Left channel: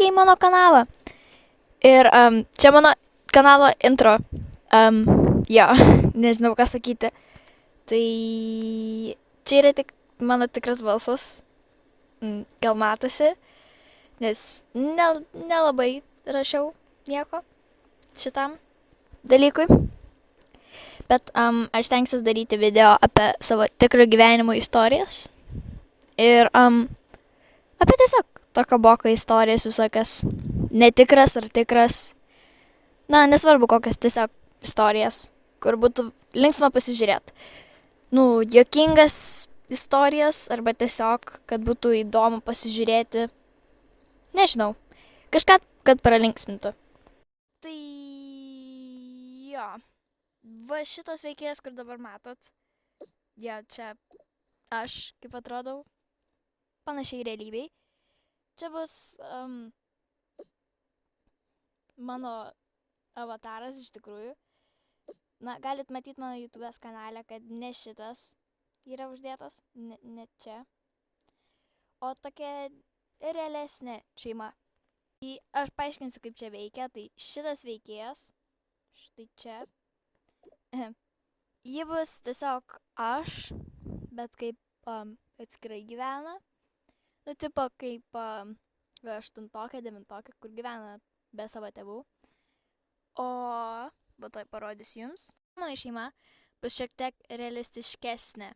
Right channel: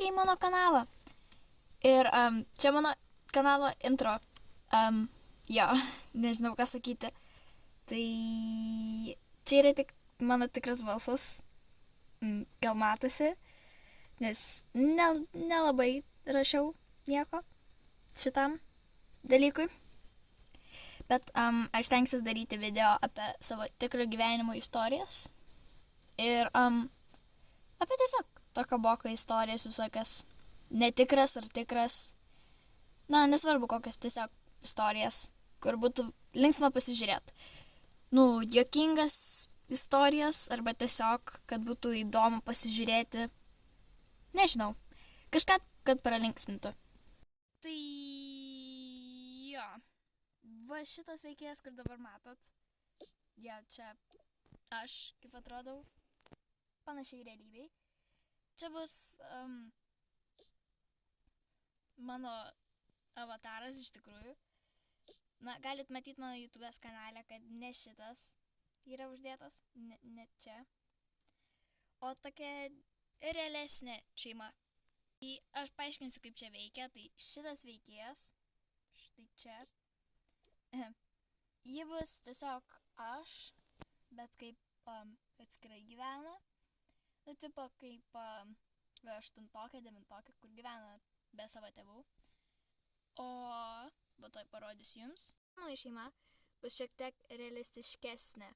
sveiki į mano kanalą. Ir čia mano kanalo intro. Jo, nežinau ką sakyti. Tai čia yra tik mano tikras balsas. Gal matosi, nes nelabai rašiau nieko šitam dalykui. Bet aš stengsiuosi daryti video apie savo tikro gyvenimo istorijas. Ir apie tiesiog tokio boko istorijas visokias. Netikras ar tikras. Na, nesvarbu kokias, tiesiog istorijas, kur būtų linksma pasižiūrėti. Juokingas istorijas arba tiesiog, kad būtų įdomu pasižiūrėti. Nežinau, kažką, kad pralinksmintų. Tai jo, va šitas veikėjas, kur dabar matot, jo, čia aš, kaip atrodau, panašiai realybei. Čia bus mano avataras iš tikrųjų. Na, galit matyti mano YouTube'ės kanale, kad ne šitas yra uždėtas, ne čia, o tokia realesnė šeima. Tai aš paaiškinsiu, kaip čia veikia. Tai šitas veikėjas, štai čia, ji bus tiesiog aš, bet kaip atskirai gyvena. Tipo kaip 8-9, kur gyvena be savo tėvų. O tai parodysiu jums. Mano šeima bus šiek tiek realistiškesnė.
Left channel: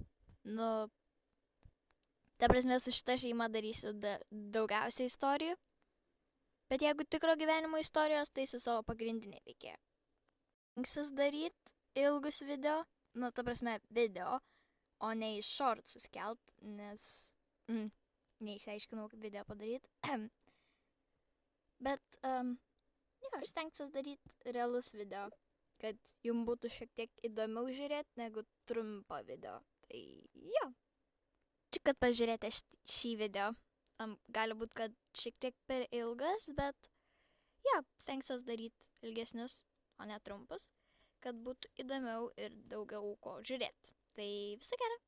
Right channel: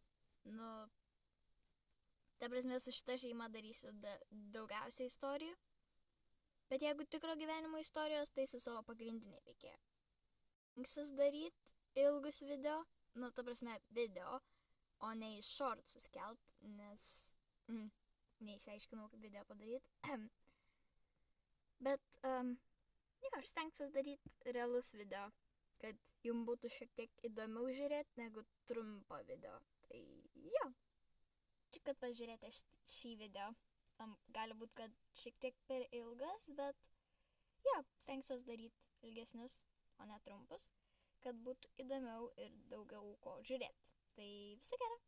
Ta prasme, su šita šeima darysiu daugiausiai istorijų. Bet jeigu tikro gyvenimo istorijos, tai su savo pagrindinė veikėja. Stengsiuos daryti ilgus video. Ta prasme, video, o ne į shortsus kelt, nes neišsiaiškinau, kaip video padaryti. Bet aš stengsiuos daryti realus video, kad jums būtų šiek tiek įdomiau žiūrėti negu trumpą video. Tai jo. Čia, kad pažiūrėti šį video, gali būti, kad šiek tiek per ilgas, bet jo, stengsiuos daryti ilgesnius, o ne trumpus, kad būtų įdomiau ir daugiau ko žiūrėti. Tai viso gero.